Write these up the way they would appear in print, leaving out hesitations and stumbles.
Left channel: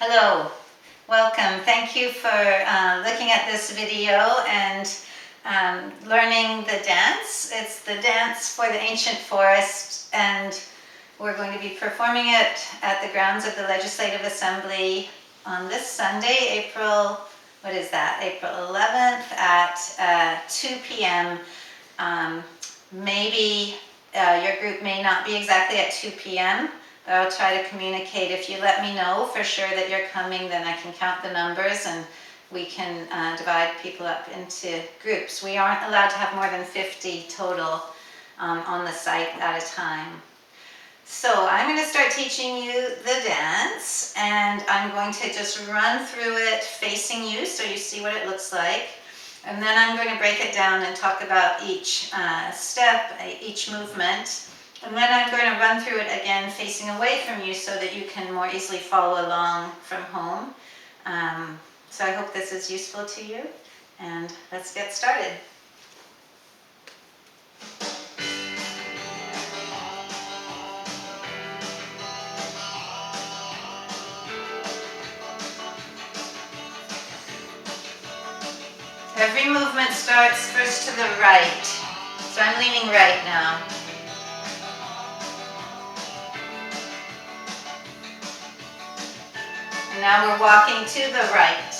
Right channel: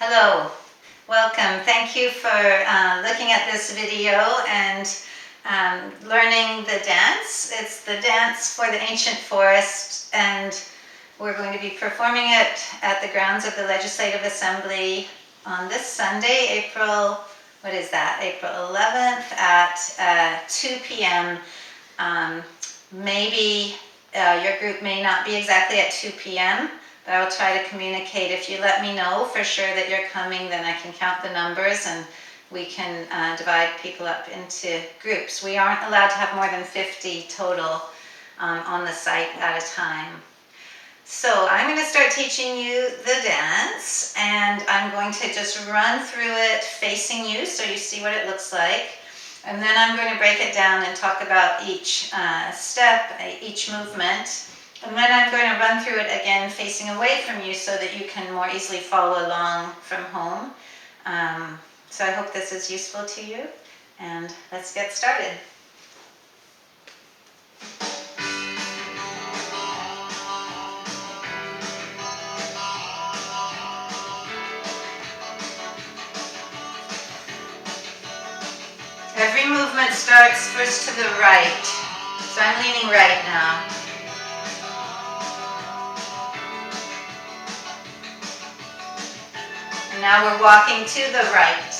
Hello, welcome. Thank you for looking at this video and learning the dance. It's the dance for the ancient forest, and we're going to be performing it at the grounds of the Legislative Assembly on this Sunday, April 11th at 2 p.m. Maybe your group may not be exactly at 2 p.m., but I'll try to communicate. If you let me know for sure that you're coming, then I can count the numbers and we can divide people up into groups. We aren't allowed to have more than 50 total on the site at a time. So I'm going to start teaching you the dance, and I'm going to just run through it facing you so you see what it looks like. And then I'm going to break it down and talk about each step, each movement. And then I'm going to run through it again facing away from you so that you can more easily follow along from home. So I hope this is useful to you, and let's get started. Every movement starts first to the right. So I'm leaning right now. And now we're walking to the right.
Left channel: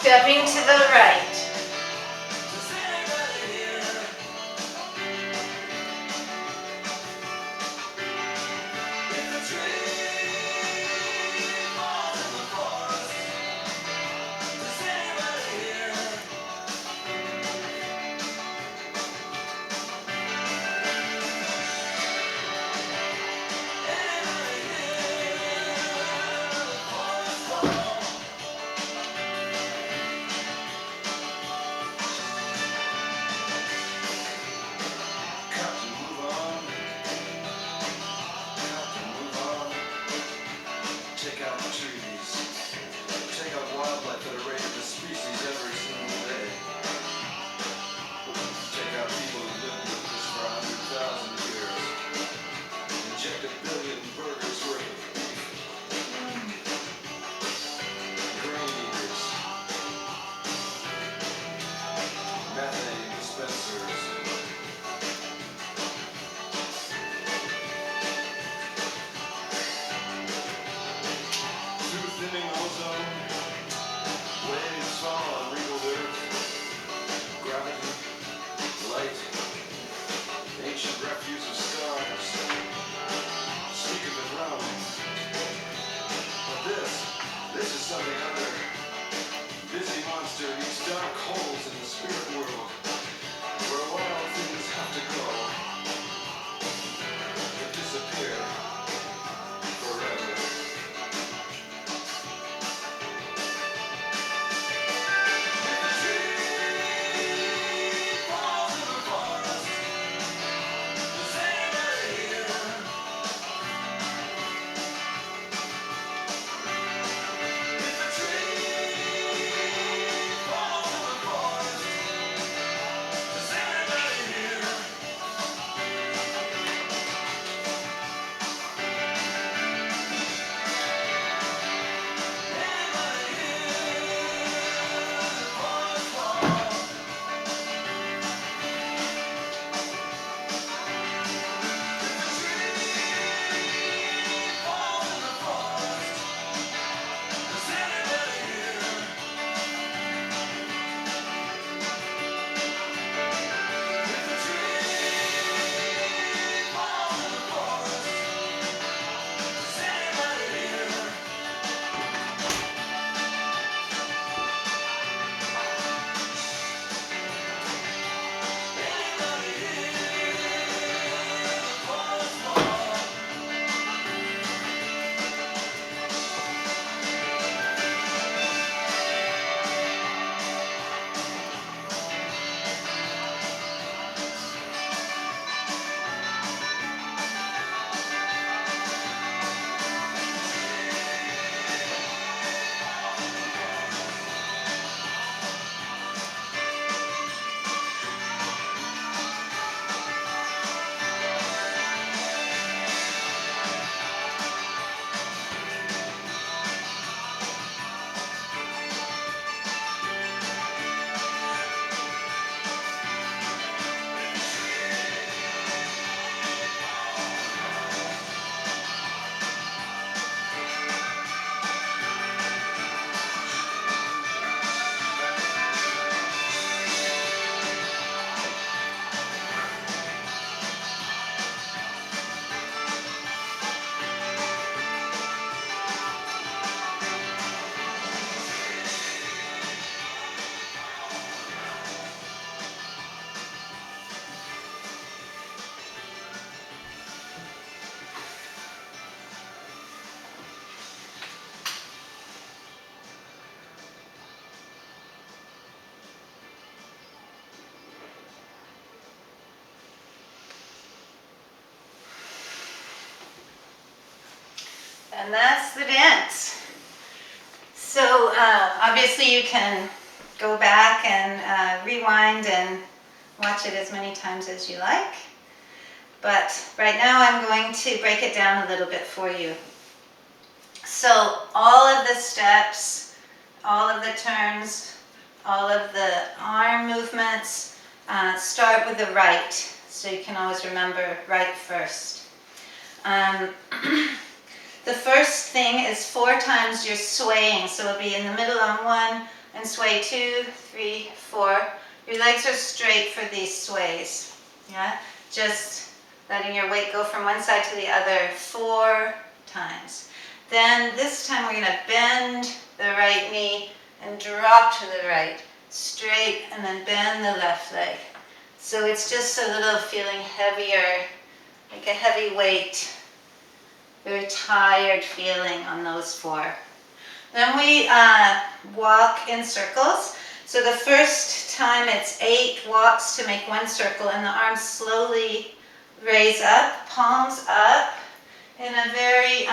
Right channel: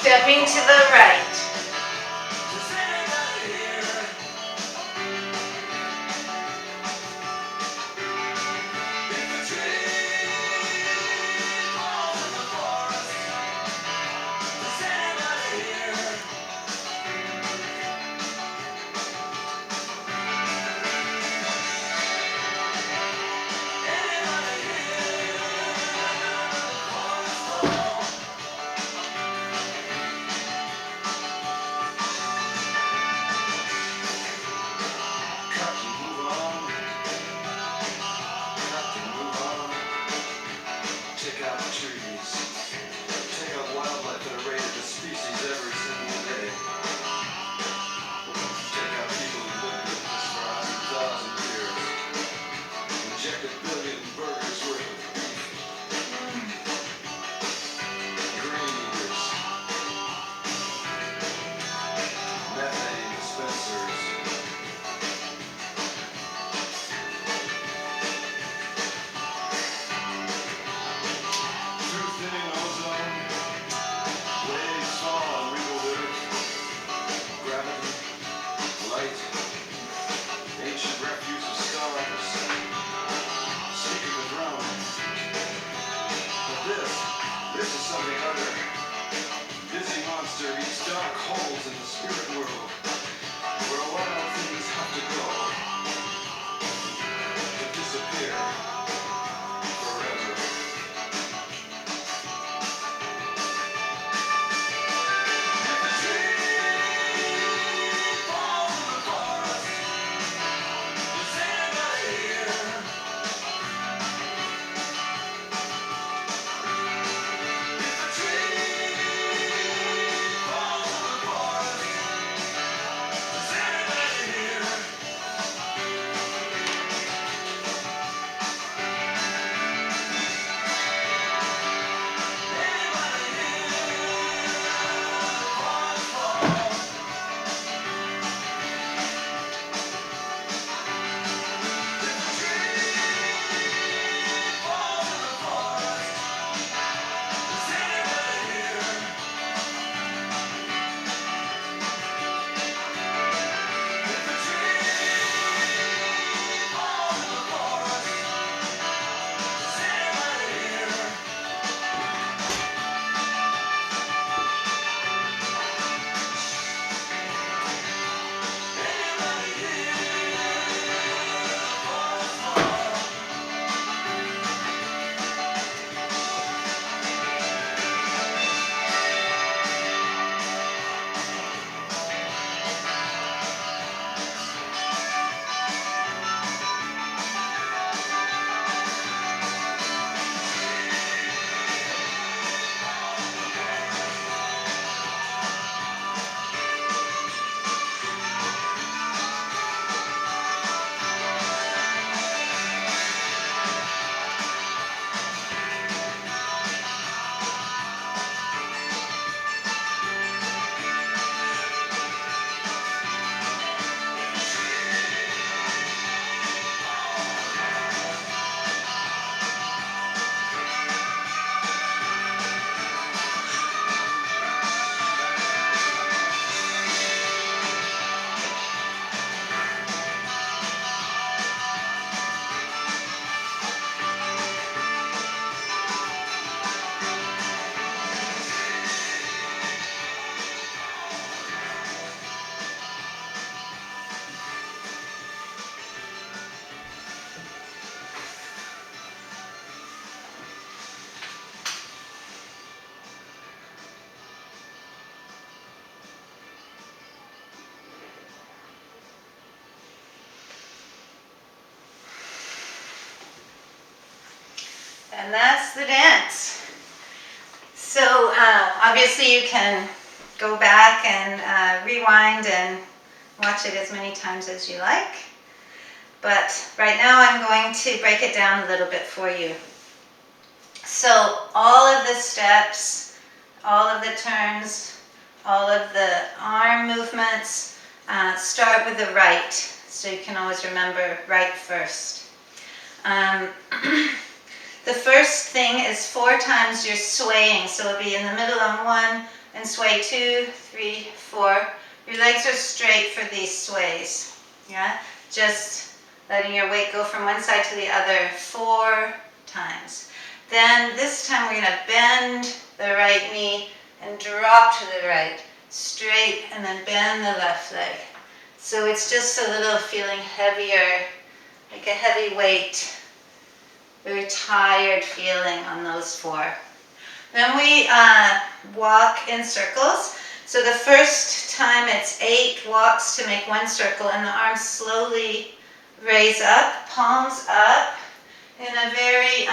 Stepping to the right. And that's the dance. So obviously you can go back and rewind and watch it as many times as you like. But right now I'm going to break it down a little bit for you. So all of the steps, all of the turns, all of the arm movements start with the right. So you can always remember right first. The first thing is 4 times you're swaying. So it'll be in the middle on 1 and sway 2, 3, 4. Your legs are straight for these sways. Yeah, just letting your weight go from one side to the other 4 times. Then this time we're going to bend the right knee and drop to the right, straight, and then bend the left leg. So it's just a little feeling heavier, like a heavy weight, very tired feeling on those 4. Then we walk in circles. So the first time it's 8 walks to make 1 circle, and the arms slowly raise up, palms up, in a very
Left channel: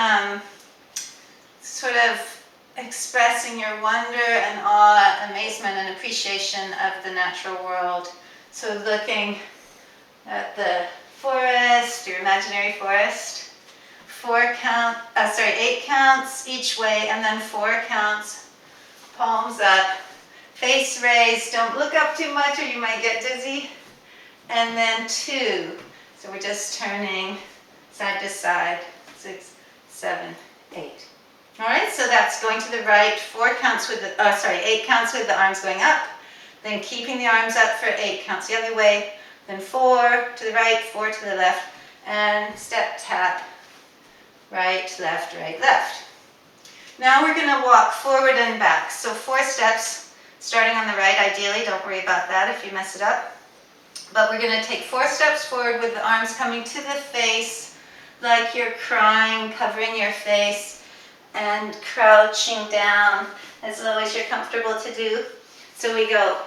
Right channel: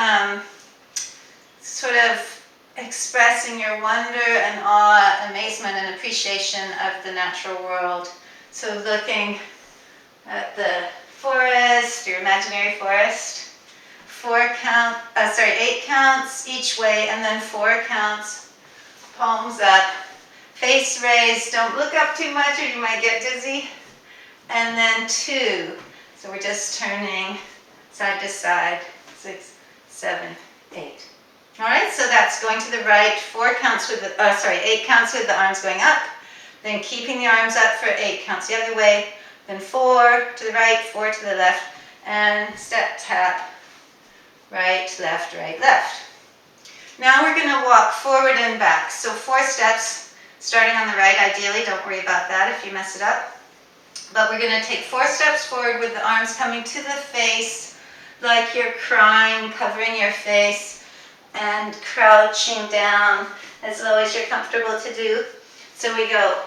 sort of expressing your wonder and awe, amazement and appreciation of the natural world. So looking at the forest, your imaginary forest. 8 counts each way, and then 4 counts, palms up, face raised, don't look up too much or you might get dizzy, and then 2. So we're just turning side to side, 6, 7, 8. All right, so that's going to the right, 8 counts with the arms going up, then keeping the arms up for 8 counts the other way, then 4 to the right, 4 to the left, and step, tap, right, left, right, left. Now we're going to walk forward and back. So 4 steps, starting on the right, ideally. Don't worry about that if you mess it up. But we're going to take 4 steps forward with the arms coming to the face, like you're crying, covering your face, and crouching down as low as you're comfortable to do. So we go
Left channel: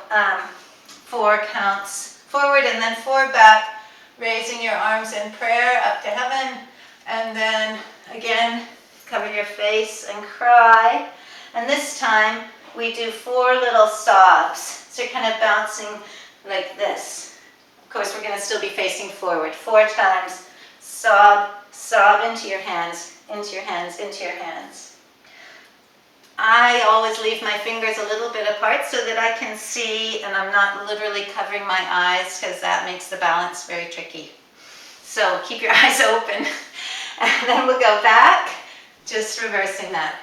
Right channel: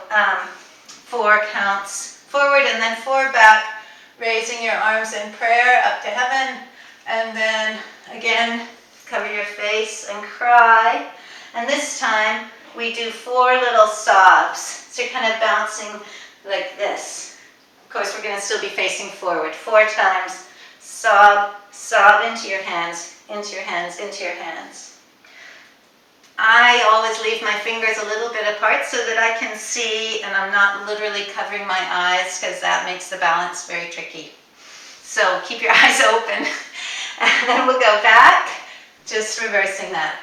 4 counts forward and then 4 back, raising your arms in prayer up to heaven. And then again, cover your face and cry. And this time we do 4 little sobs. So you're kind of bouncing like this. Of course, we're going to still be facing forward. 4 times. Sob, sob into your hands, into your hands, into your hands. I always leave my fingers a little bit apart so that I can see, and I'm not literally covering my eyes because that makes the balance very tricky. So keep your eyes open. And then we'll go back, just reversing that.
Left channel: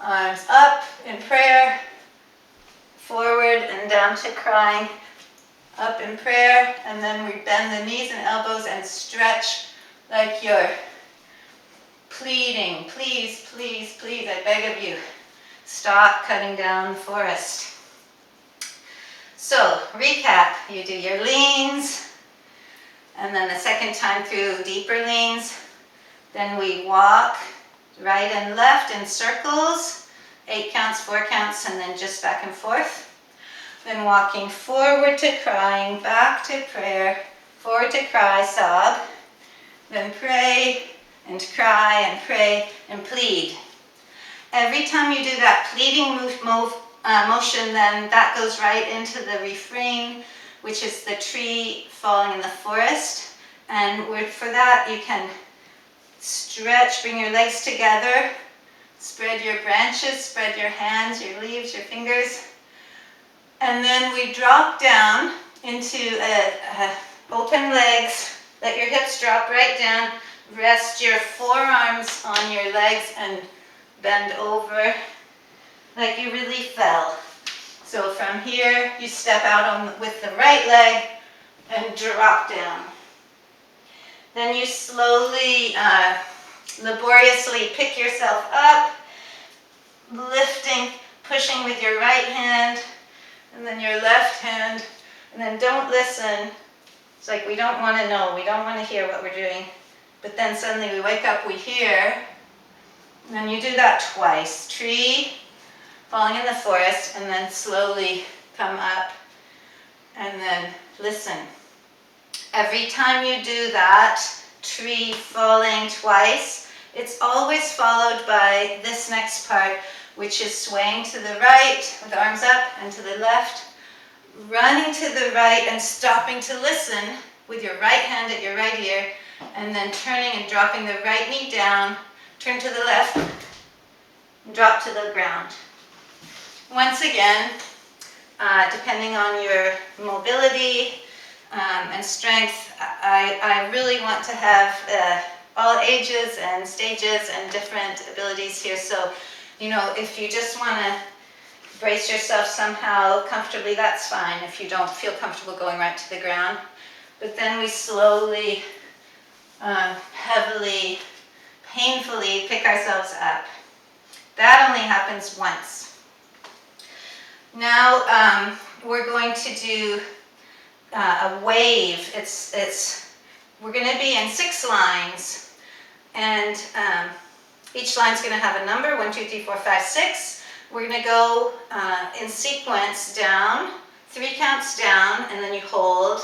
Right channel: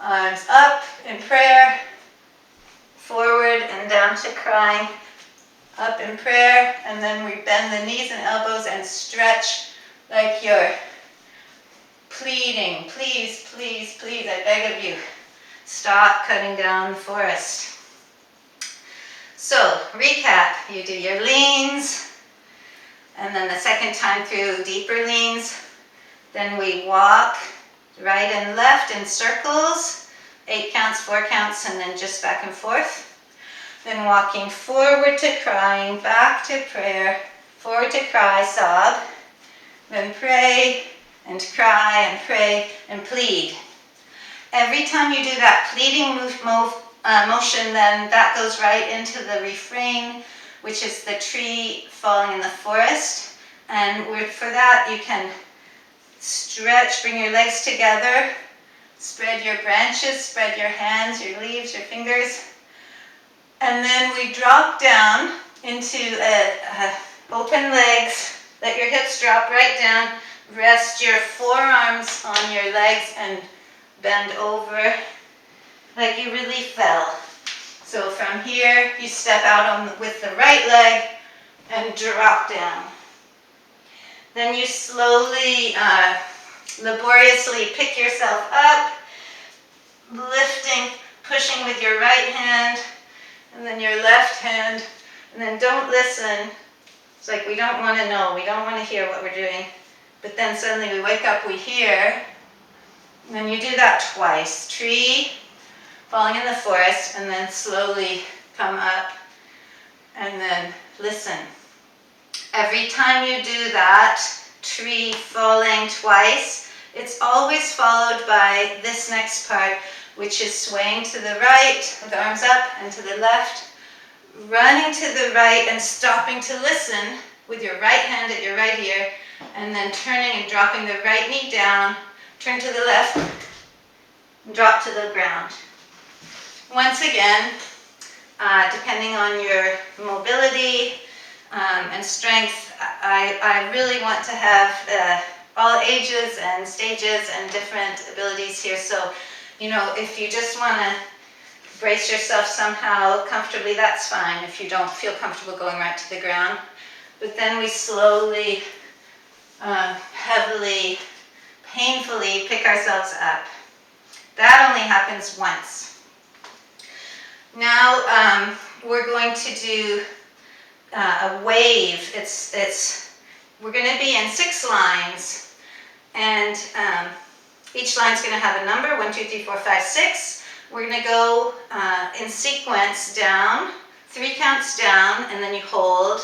Arms up in prayer, forward and down to crying, up in prayer, and then we bend the knees and elbows and stretch like you're pleading, please, please, please, I beg of you, stop cutting down the forest. So, recap, you do your leans, and then the second time through deeper leans. Then we walk right and left in circles, 8 counts, 4 counts, and then just back and forth. Then walking forward to crying, back to prayer, forward to cry, sob, then pray and cry and pray and plead. Every time you do that pleading motion, then that goes right into the refrain, which is the tree falling in the forest. And for that you can stretch, bring your legs together, spread your branches, spread your hands, your leaves, your fingers. And then we drop down into open legs. Let your hips drop right down. Rest your forearms on your legs and bend over like you really fell. So from here, you step out with the right leg and drop down. Then you slowly, laboriously pick yourself up, lifting, pushing with your right hand, and then your left hand, and then don't listen. It's like we don't want to know, we don't want to hear what we're doing. But then suddenly we wake up, we hear, and then you do that twice. Tree, falling in the forest, and then slowly come up, and then listen. Every time you do that, tree falling twice, It's always followed by this next part, which is swaying to the right with arms up and to the left, running to the right and stopping to listen with your right hand at your right ear, and then turning and dropping the right knee down, turn to the left, and drop to the ground. Once again, depending on your mobility and strength, I really want to have all ages and stages and different abilities here. So, you know, if you just want to brace yourself somehow comfortably, that's fine if you don't feel comfortable going right to the ground. But then we slowly, heavily, painfully pick ourselves up. That only happens once. Now we're going to do a wave. We're going to be in 6 lines, and each line's going to have a number, 1, 2, 3, 4, 5, 6. We're going to go in sequence down, 3 counts down, and then you hold.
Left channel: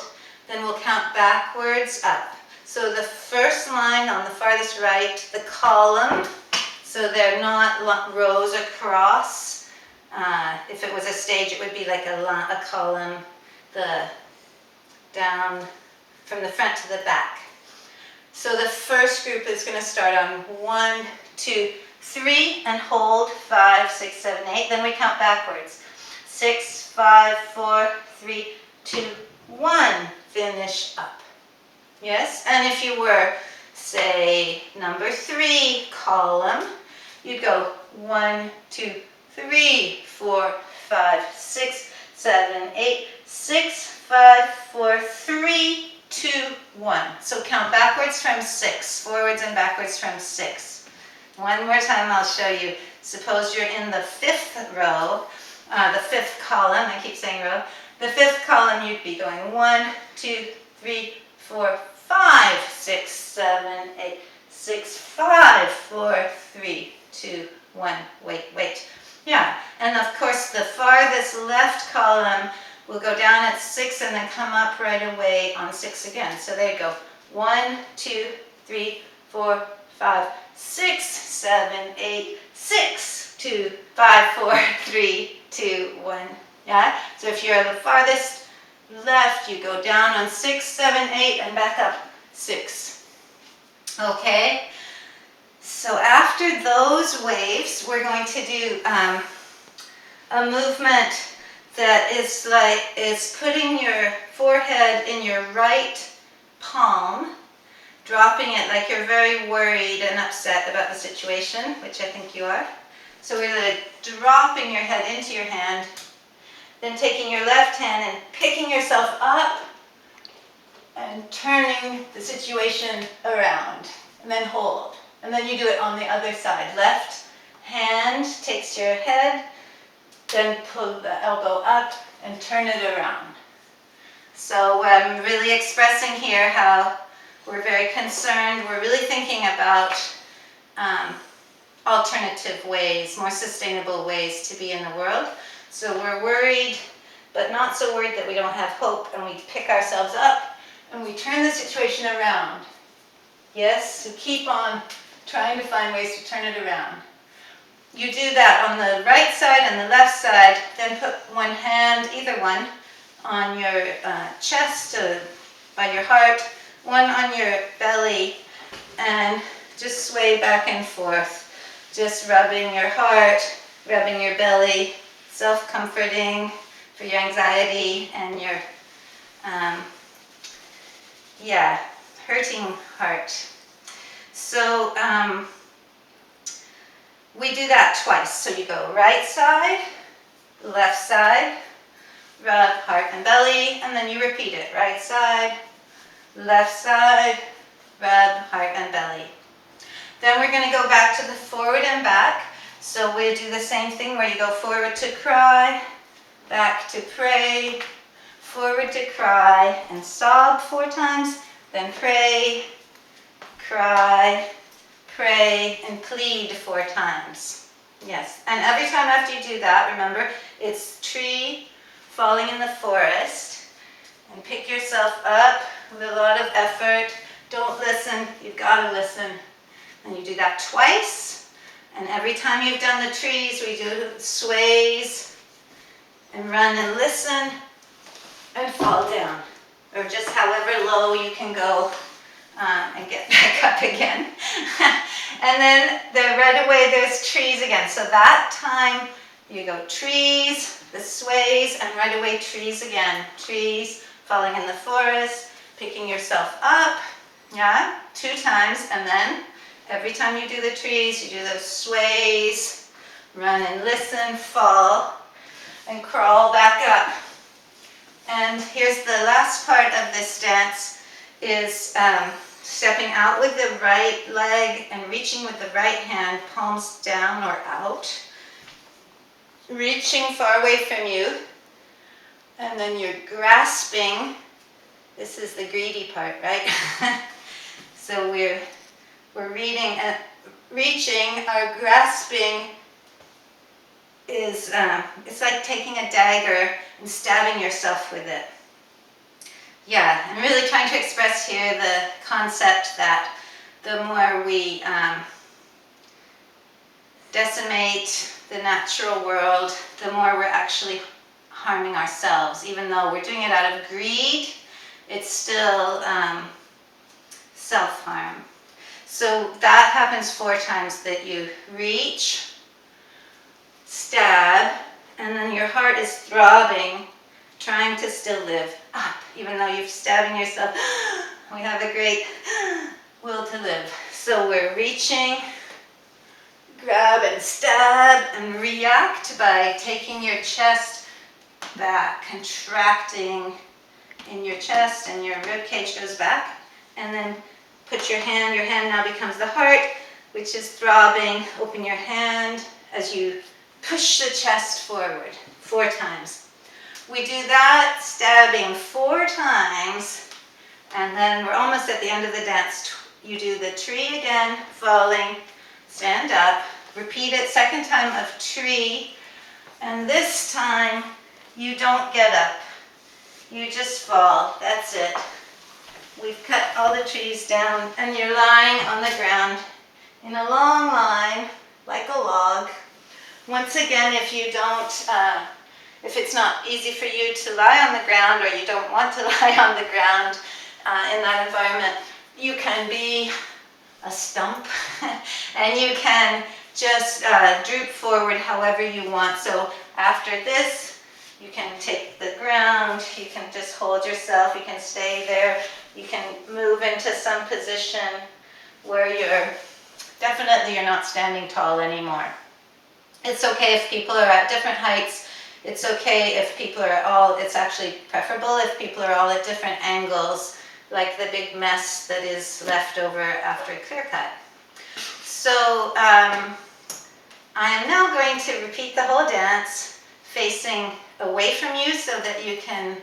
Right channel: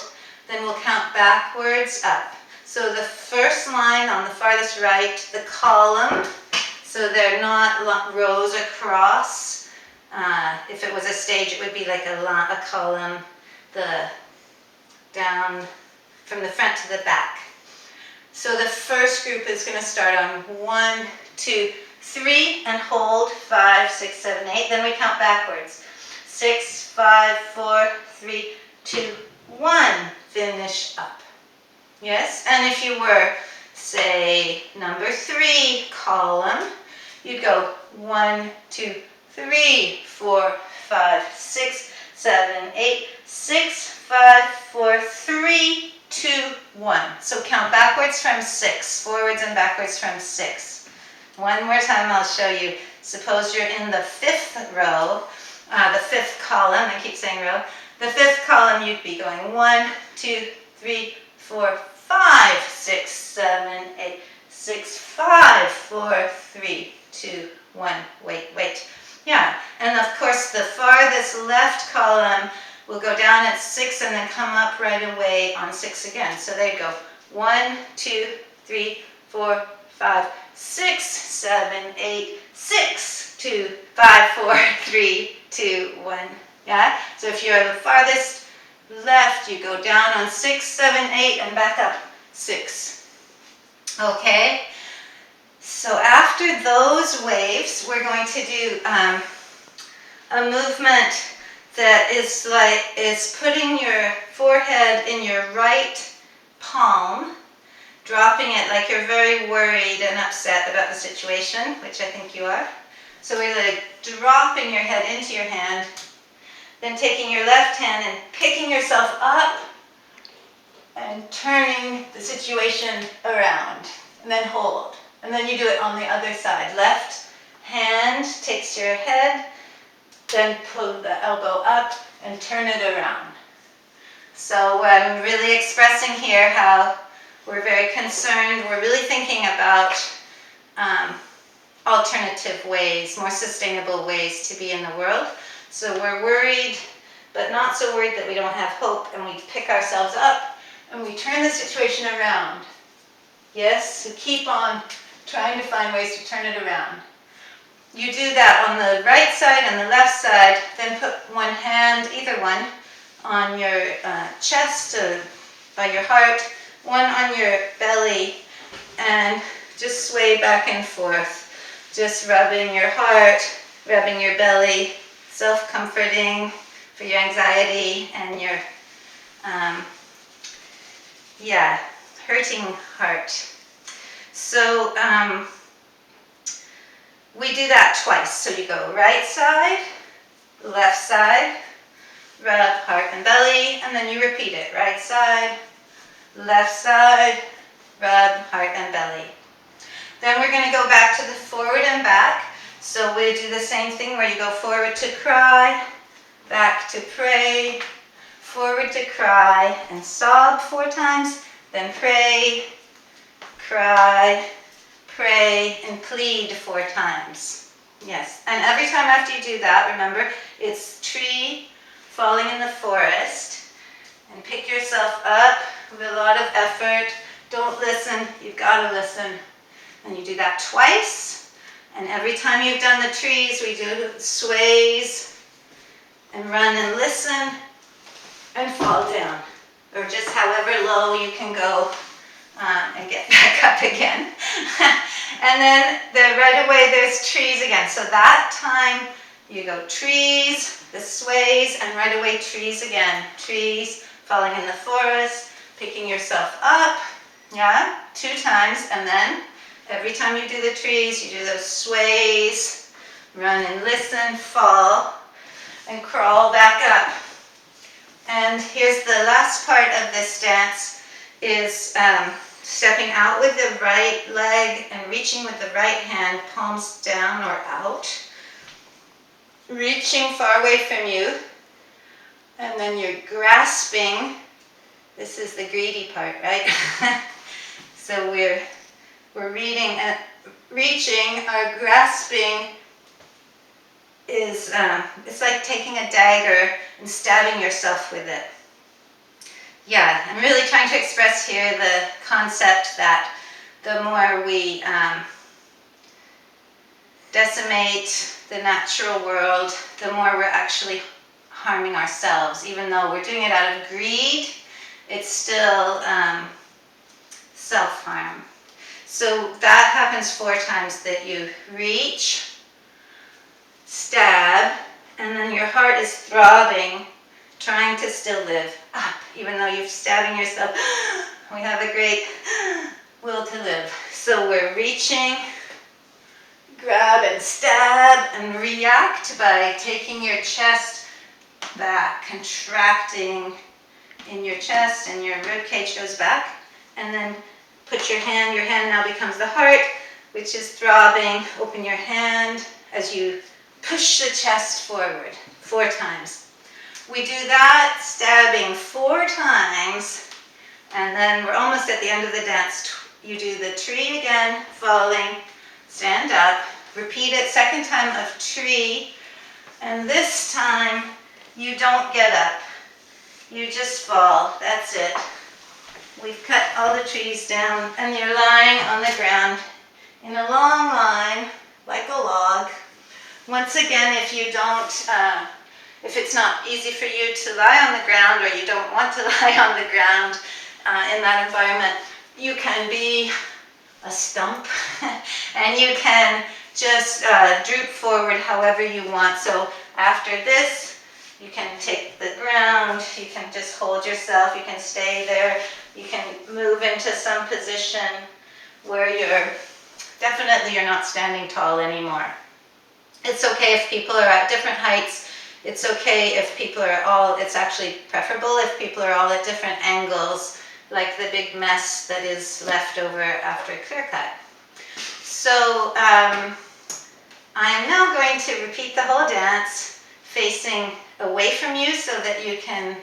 Then we'll count backwards up. So the first line on the farthest right, the column, so they're not rows across. If it was a stage, it would be like a column, down from the front to the back. So the first group is going to start on 1, 2, 3, and hold 5, 6, 7, 8. Then we count backwards. 6, 5, 4, 3, 2, 1. Finish up. Yes? And if you were, say, number 3 column, you'd go 1, 2, 3, 4, 5, 6, 7, 8, 6, 5, 4, 3, 2, 1. So count backwards from 6, forwards and backwards from 6. One more time I'll show you. Suppose you're in the 5th row, the 5th column, I keep saying row. The 5th column you'd be going 1, 2, 3, 4, 5, 6, 7, 8, 6, 5, 4, 3, 2, 1. Wait. Yeah, and of course the farthest left column will go down at 6 and then come up right away on 6 again. So there you go. 1, 2, 3, 4, 5, 6, 7, 8, 6, 2, 5, 4, 3, 2, 1. Yeah? So if you're the farthest left, you go down on 6, 7, 8, and back up 6. Okay? So after those waves, we're going to do a movement that is putting your forehead in your right palm, dropping it like you're very worried and upset about the situation, which I think you are. So we're like dropping your head into your hand, then taking your left hand and picking yourself up and turning the situation around, and then hold. And then you do it on the other side. Left hand takes your head, then pull the elbow up and turn it around. So I'm really expressing here how we're very concerned. We're really thinking about alternative ways, more sustainable ways to be in the world. So we're worried, but not so worried that we don't have hope, and we pick ourselves up and we turn the situation around. Yes, so keep on trying to find ways to turn it around. You do that on the right side and the left side, then put one hand, either one, on your chest by your heart, one on your belly, and just sway back and forth, just rubbing your heart, rubbing your belly, self-comforting for your anxiety and your, hurting heart. So we do that twice. So you go right side, left side, rub heart and belly, and then you repeat it. Right side, left side, rub heart and belly. Then we're going to go back to the forward and back. So we do the same thing where you go forward to cry, back to pray, forward to cry, and sob 4 times, then pray, cry, pray, and plead 4 times. Yes, and every time after you do that, remember, it's tree falling in the forest, and pick yourself up with a lot of effort. Don't listen, you've got to listen. And you do that twice. And every time you've done the trees, we do sways and run and listen and fall down. Or just however low you can go and get back up again. And then right away there's trees again. So that time you go trees, the sways, and right away trees again. Trees, falling in the forest, picking yourself up, yeah, 2 times. And then every time you do the trees, you do those sways, run and listen, fall, and crawl back up. And here's the last part of this dance is stepping out with the right leg and reaching with the right hand, palms down or out. Reaching far away from you. And then you're grasping. This is the greedy part, right? So we're reaching. Our grasping is it's like taking a dagger and stabbing yourself with it. Yeah, I'm really trying to express here the concept that the more we decimate the natural world, the more we're actually harming ourselves. Even though we're doing it out of greed, it's still self-harm. So that happens 4 times, that you reach, stab, and then your heart is throbbing, trying to still live up, even though you're stabbing yourself. We have a great will to live. So we're reaching, grab and stab, and react by taking your chest back, contracting in your chest, and your rib cage goes back. And then put your hand now becomes the heart, which is throbbing. Open your hand as you push the chest forward 4 times. We do that stabbing 4 times, and then we're almost at the end of the dance. You do the tree again, falling, stand up, repeat it, 2nd time of tree, and this time you don't get up. You just fall. That's it. We've cut all the trees down, and you're lying on the ground in a long line, like a log. Once again, if you don't, if it's not easy for you to lie on the ground, or you don't want to lie on the ground in that environment, you can be a stump, and you can just droop forward however you want. So after this, you can take the ground, you can just hold yourself, you can stay there, you can move into some position where you're not standing tall anymore. It's okay if people are at different heights. It's okay if people are it's actually preferable if people are all at different angles, like the big mess that is left over after a clear cut. So I am now going to repeat the whole dance, facing away from you so that you can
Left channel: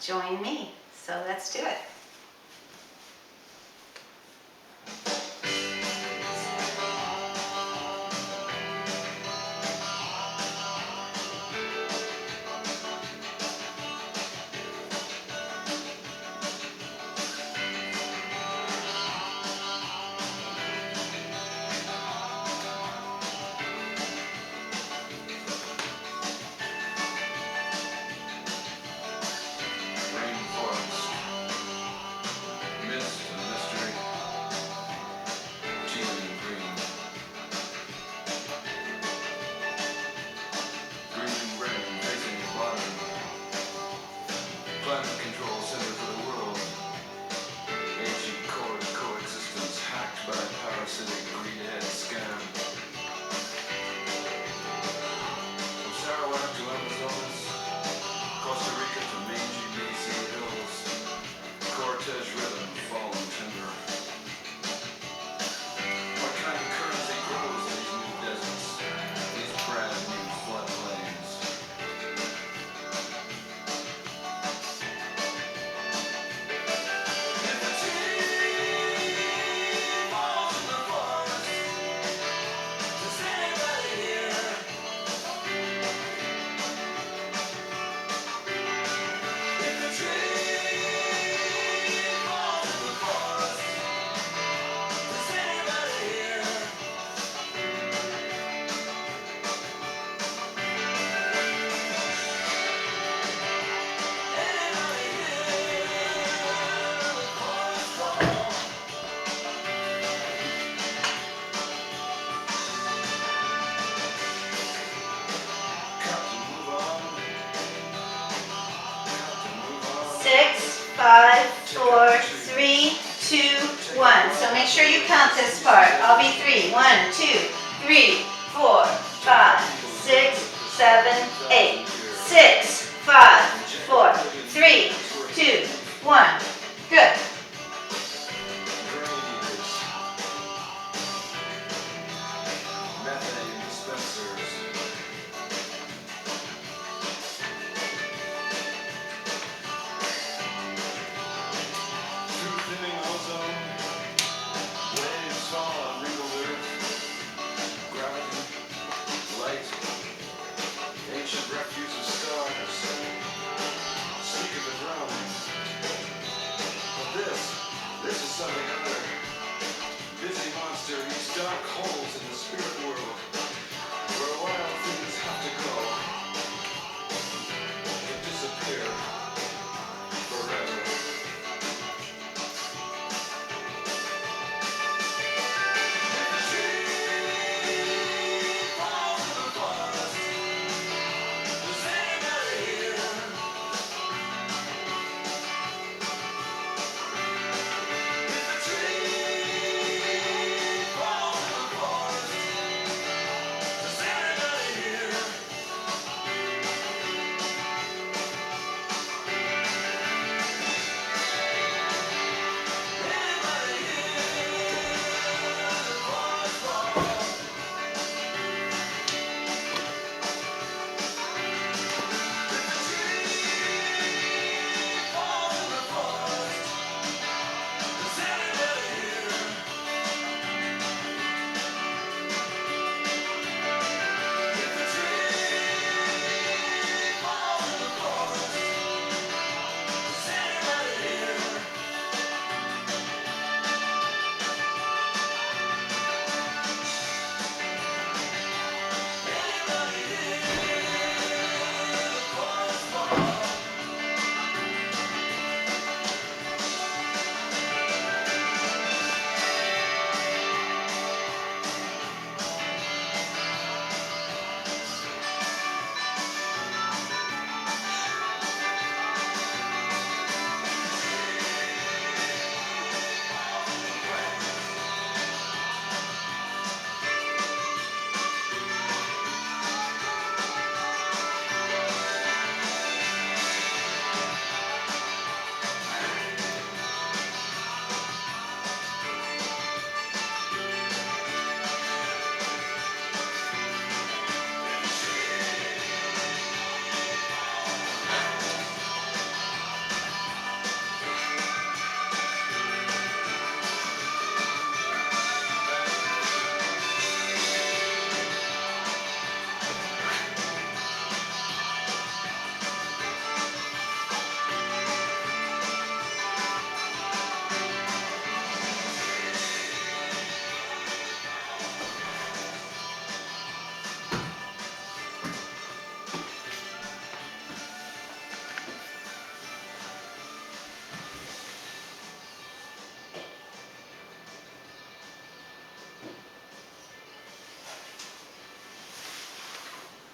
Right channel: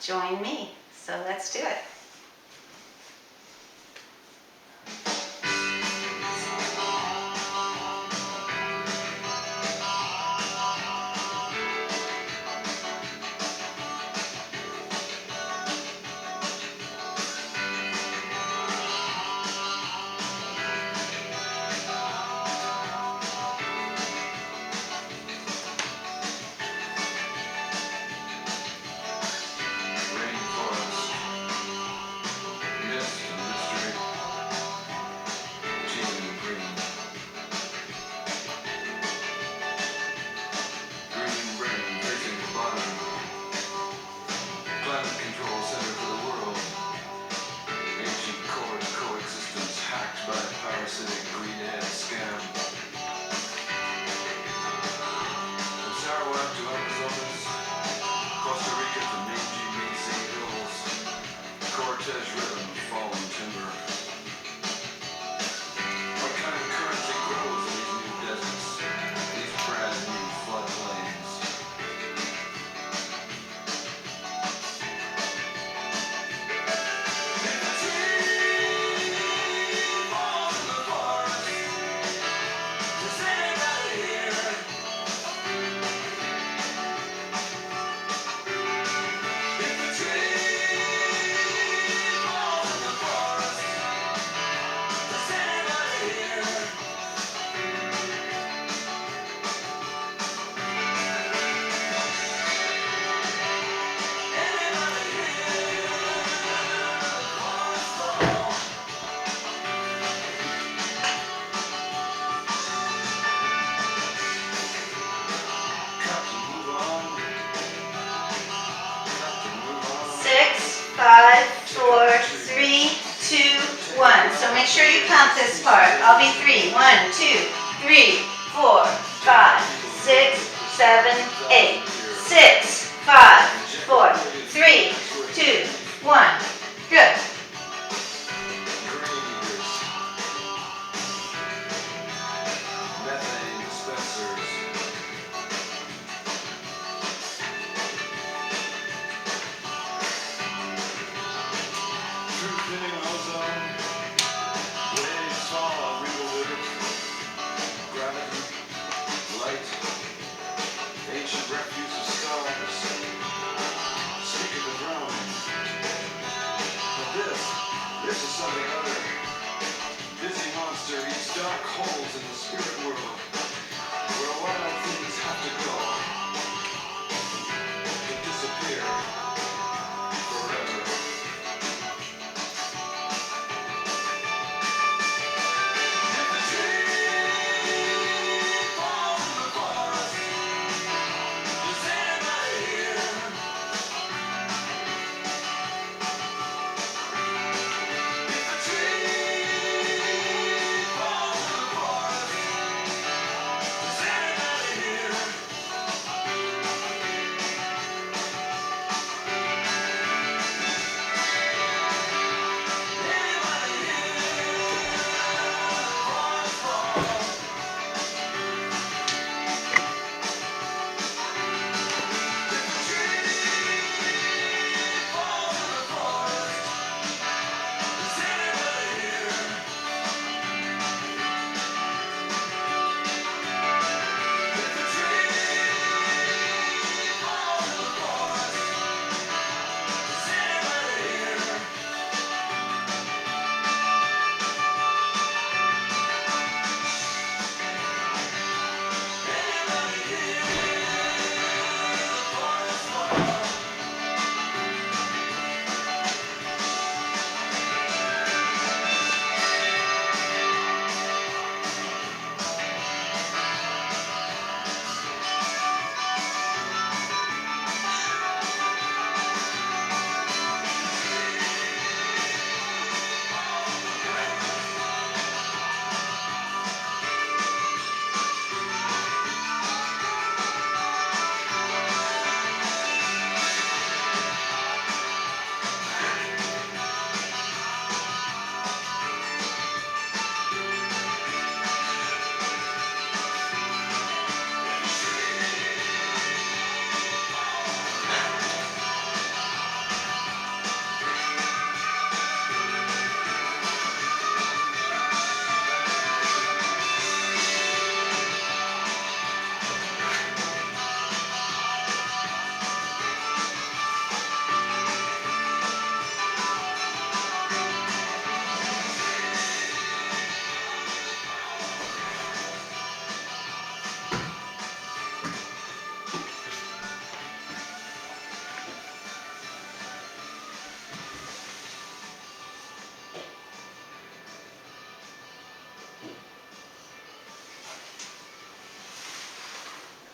join me. So let's do it. make sure you count this part. I'll be 3. 1, 2, 3, 4, 5, 6, 7, 8. 6, 5, 4, 3, 2, 1. Good. This is something other. Busy monster eats dark holes in the spirit world, where wild things have to go to disappear forever. If a tree falls in the forest, is anybody here?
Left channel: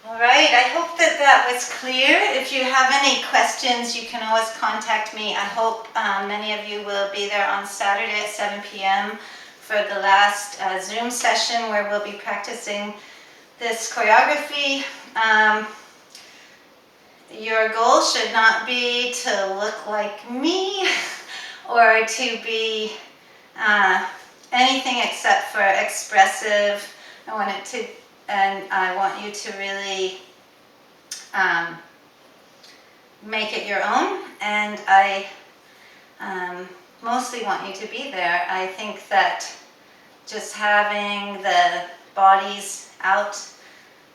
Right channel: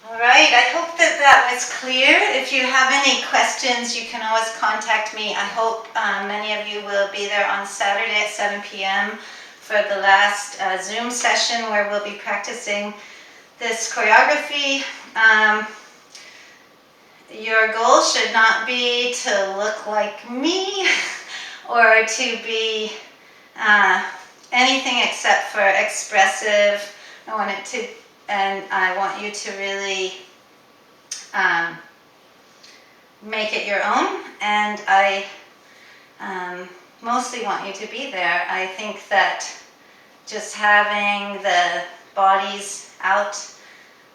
All right, I hope that that was clear. If you have any questions, you can always contact me. I hope many of you will be there on Saturday at 7 p.m. for the last Zoom session where we'll be practicing this choreography. Your goal should not be to look like me or to be anything except for expressive. I want it to, and I want you to really make it your own, and I mostly want you to be there. I think that just having the bodies out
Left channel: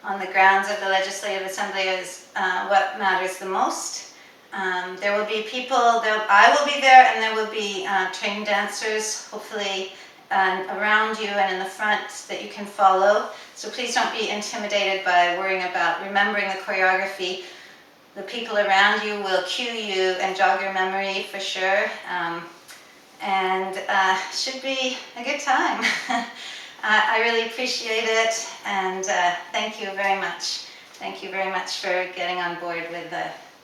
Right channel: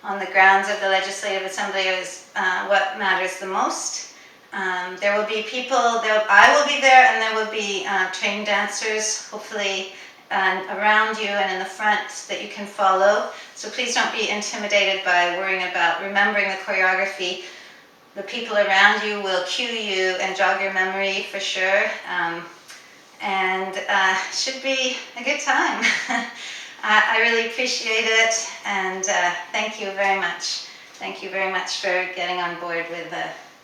on the grounds of the Legislative Assembly is what matters the most. There will be people, I will be there, and there will be trained dancers, hopefully around you and in the front that you can follow. So please don't be intimidated by worrying about remembering the choreography. The people around you will cue you and jog your memory for sure. And should be a good time. I really appreciate it, and thank you very much. Thank you very much for getting on board with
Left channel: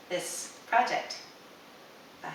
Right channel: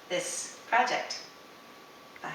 this project. Bye.